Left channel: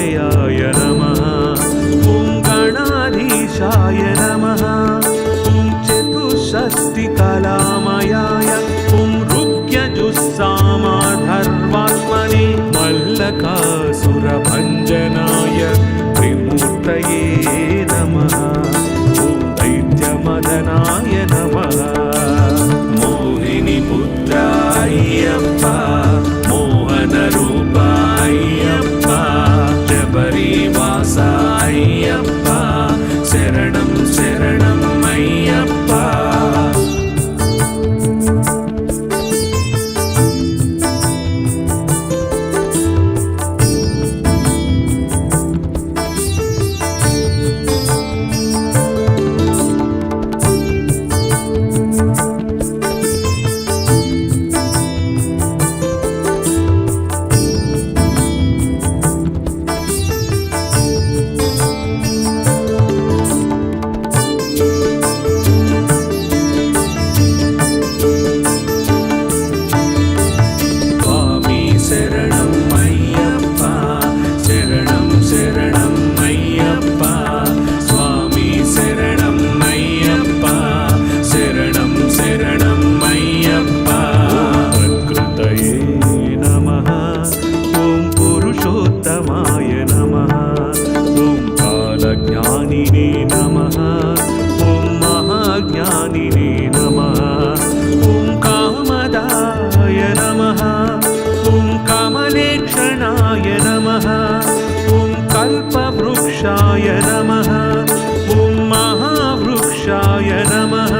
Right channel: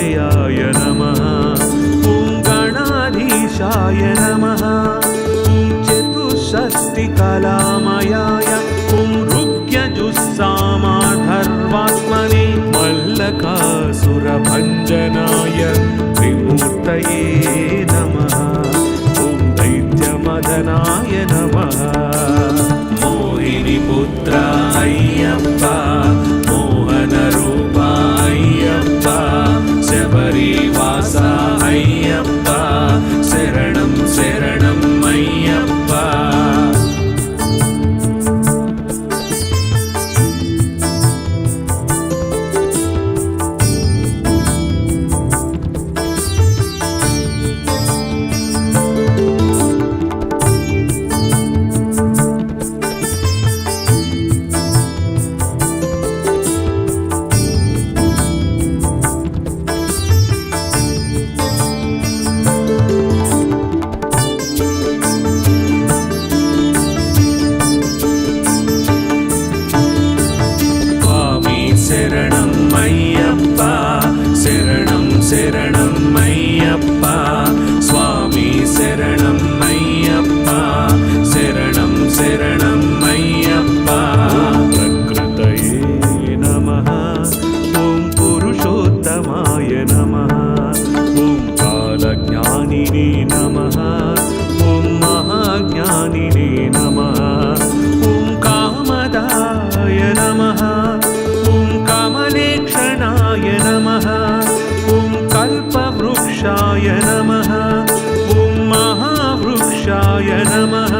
गणाधिपतयाय नमः। ॐ गणाधीशाय नमः। ॐ चतुष्षष्टिकलामयाय ॐ ऋग्यजुस्सामाधर्वात्मने मल्लकासुरभञ्जनाय त्रिमूर्तये नमः। ॐ दैत्यमदनाय नमः। मोहिनीपुत्राय्यप्पा मोहनरूपाय्यप्पा शबरीवासाय्यप्पा शरणं शरणं अय्यप्पा। पुरुषोत्तमाय नमः। ॐ कालज्ञानिने नमः। ॐ महाज्ञानिने नमः। ॐ कामदाय नमः। ॐ कमलेक्षणाय नमः। ॐ कल्पवृक्षाय नमः। ॐ महावृक्षाय नमः।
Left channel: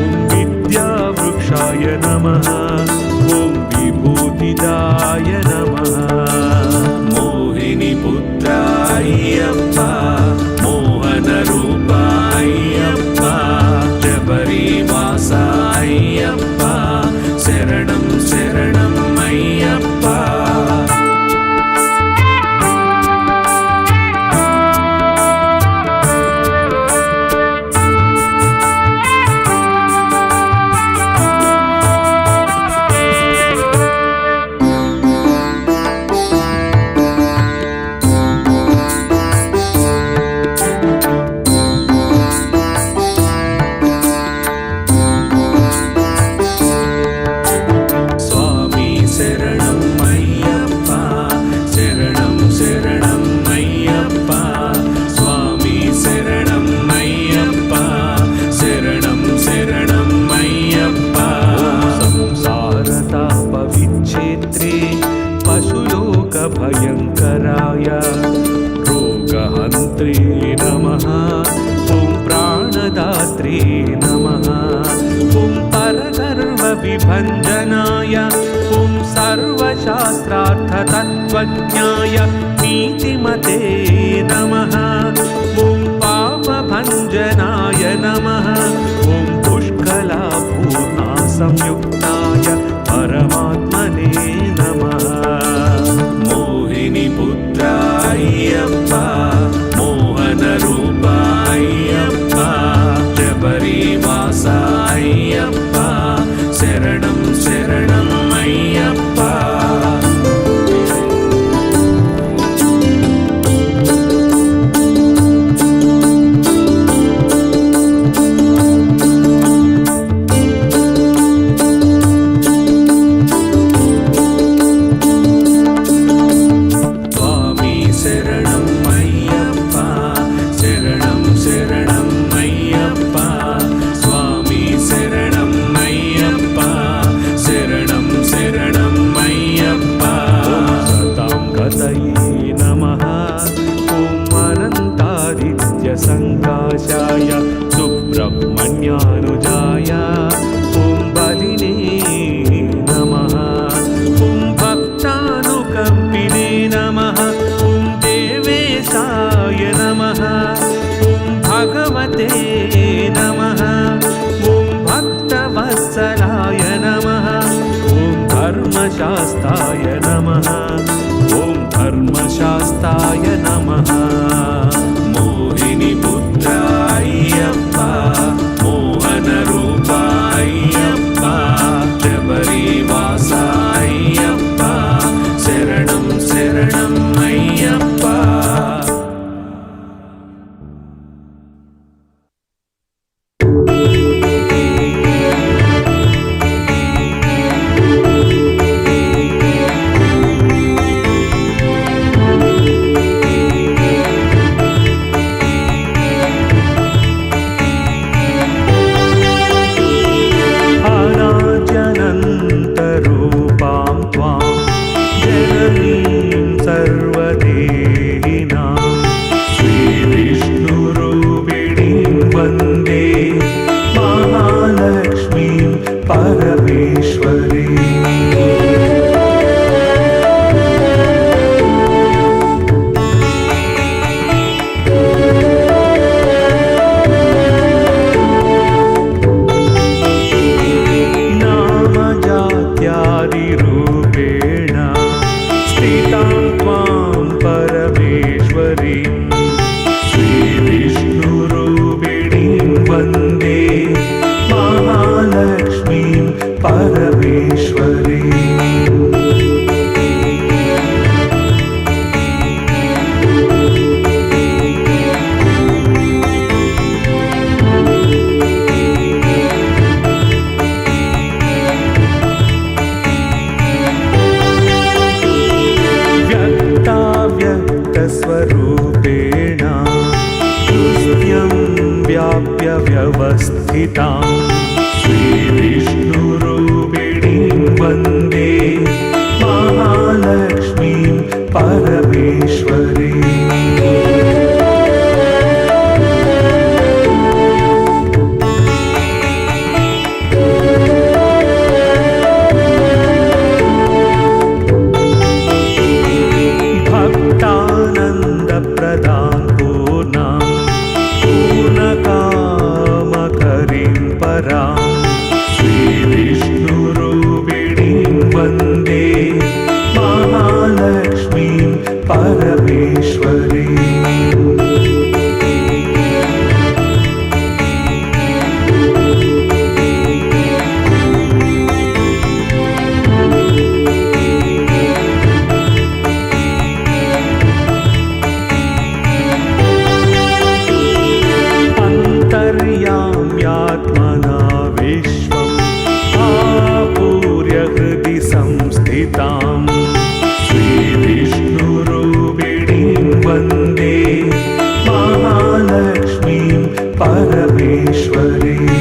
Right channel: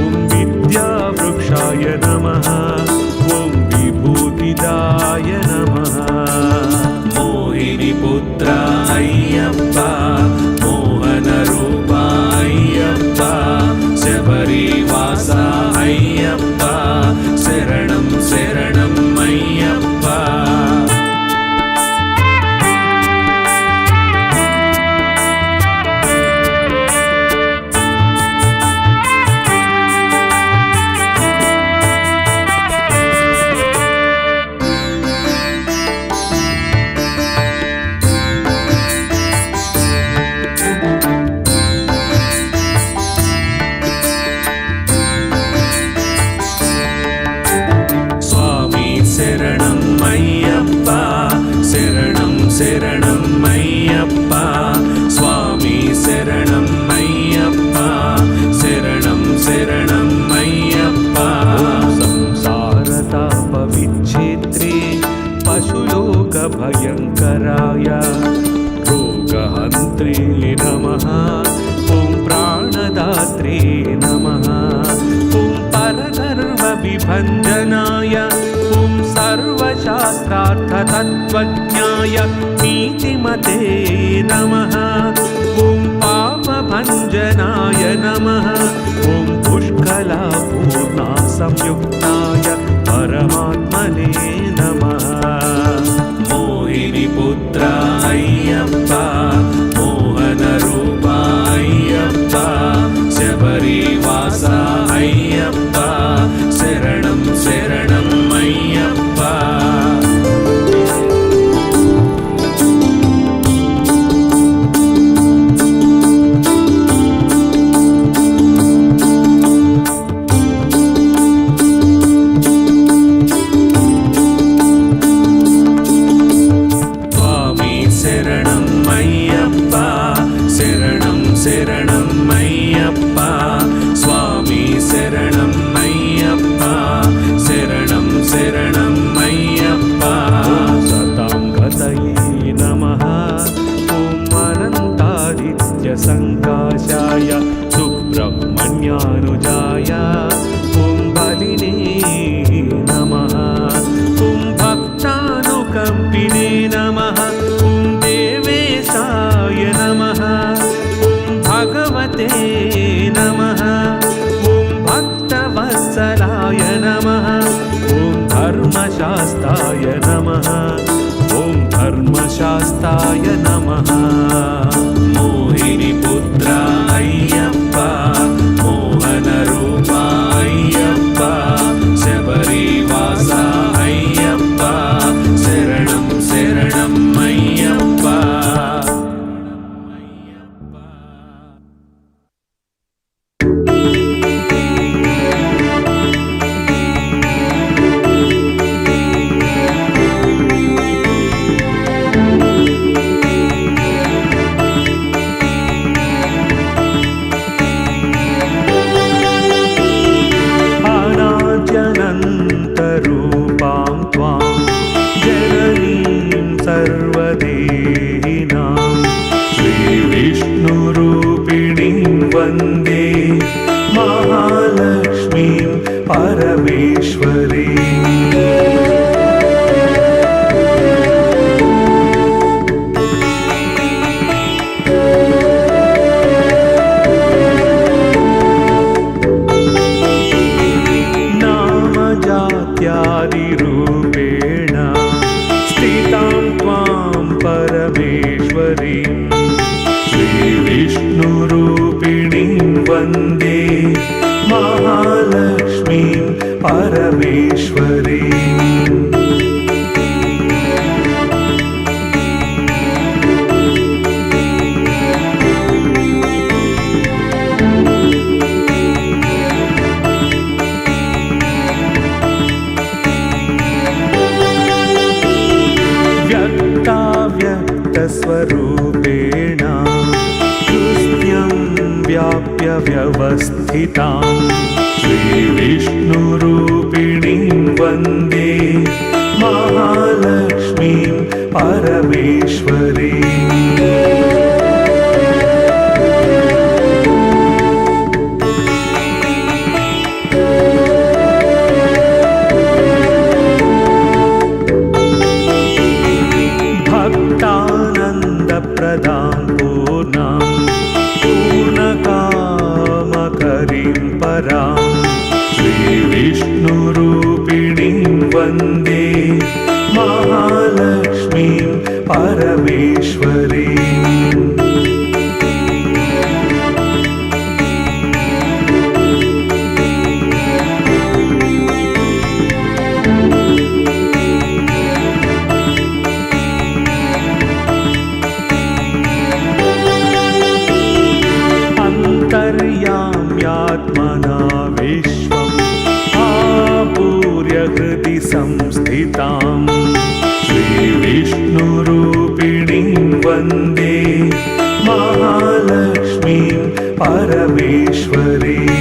ॐ विद्यावृक्षाय नमः। ॐ विभूतिदाय नमः। मोहिनीपुत्राय्यप्पा मोहनरूपाय्यप्पा शबरीवासाय्यप्पा शरणं शरणं अय्यप्पा। विच्छेत्रे पशुलोकभयङ्कराय रोगहन्त्रे नमः। ॐ प्राणदात्रे नमः। ॐ परगर्वविभञ्जनाय ॐ सर्वशास्त्रार्थतत्त्वज्ञाय नीतिमते नमः। ॐ पापभञ्जनाय नमः। ॐ पुष्कलापूर्णा संयुक्ताय परमात्मने नमः। मोहिनीपुत्राय्यप्पा मोहनरूपाय्यप्पा शबरीवासाय्यप्पा शरणं शरणं अय्यप्पा। संकाशाय सुब्रह्मण्यानुजाय ॐ बलिने नमः। ॐ भक्तानुकम्पिने नमः। ॐ देवेशाय नमः। ॐ भगवते नमः। ॐ भक्तवत्सलाय नमः। ॐ धर्मशास्ताय नमः। ॐ धर्मशास्ताय नमः। मोहिनीपुत्राय्यप्पा मोहनरूपाय्यप्पा शबरीवासाय्यप्पा शरणं शरणं अय्यप्पा। अनाद्यनन्तरूपां त्वां जननीं सर्वदेहिनां श्रीविष्णुरूपिणीं वन्दे महालक्ष्मीं परमेश्वरीम्। जात्यादिरूपेण स्थितां त्वां परमेश्वरीं श्रीविष्णुरूपिणीं वन्दे महालक्ष्मीं परमेश्वरीम्। व्यक्ताव्यक्तस्वरूपेण हृद्यं व्याप्य व्यवस्थितां श्रीविष्णुरूपिणीं वन्दे महालक्ष्मीं परमेश्वरीम्। भक्तानन्दप्रदां पूर्णां पूर्णकामकरीं परां श्रीविष्णुरूपिणीं वन्दे महालक्ष्मीं परमेश्वरीम्। अन्तर्याम्यात्मना विश्वम् आपूर्य हृदि संस्थितां श्रीविष्णुरूपिणीं वन्दे महालक्ष्मीं परमेश्वरीम्।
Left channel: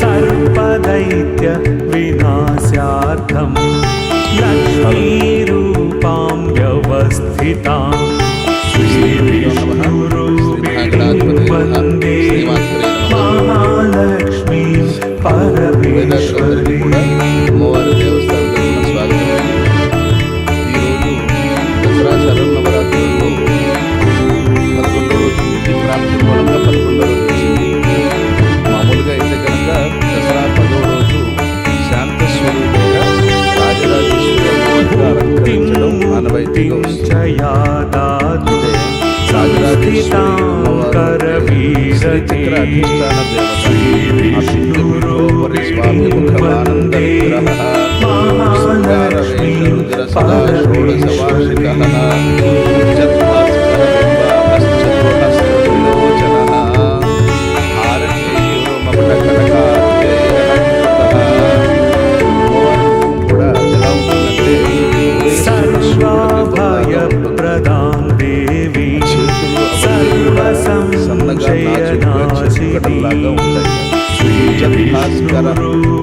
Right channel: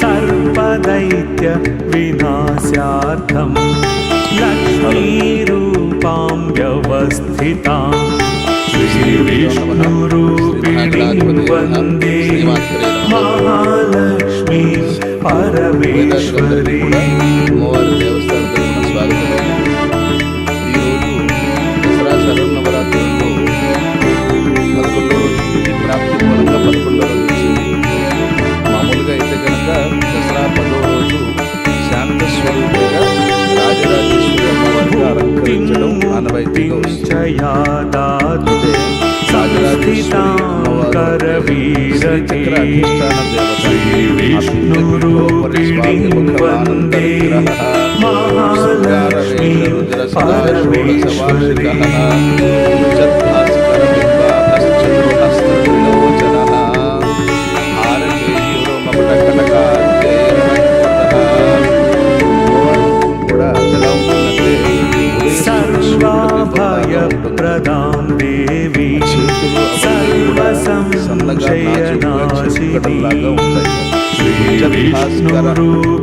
सर्वदैत्य विनाशार्थं लक्ष्मीरूपां व्यवस्थितां श्रीविष्णुरूपिणीं वन्दे महालक्ष्मीं परमेश्वरीम्। అమ్మవారి దేవస్థానం స్వాగతం అండి. ఈరోజు దసరా శరన్నవరాత్రుల్లో 11వ రోజు తిథి ప్రాప్తి మూలంగా 11వ రోజు వచ్చింది. మామూలుగా అయితే కనుక దసరా 10వ రోజు శాంత స్వరూపిగా రాజరాజేశ్వరి అమ్మవారిగా అలంకరించడం ఆనవాయితీగా వస్తుంది. అయితే రాజరాజేశ్వరి అమ్మవారు శ్రీచక్ర అధిష్టాన దేవత. అభిజ్ఞపీఠోపరి స్వామి ముఖమానంద విగ్రహ శృంగార వేష రుద్ర సదా షోడశ వార్షిక ఉజ్జద్భాస్కర బింబాశ్చతుర్హస్త్ర త్రిలోచన భారతేయురోమపట కనకార్జైరణకృత. అమ్మవారు కూడా ఎలా ఉంటుందంటే सर्वाभयप्रदां देवी सर्वसंशयनाशिनी సన్నగా ఉంటాయి.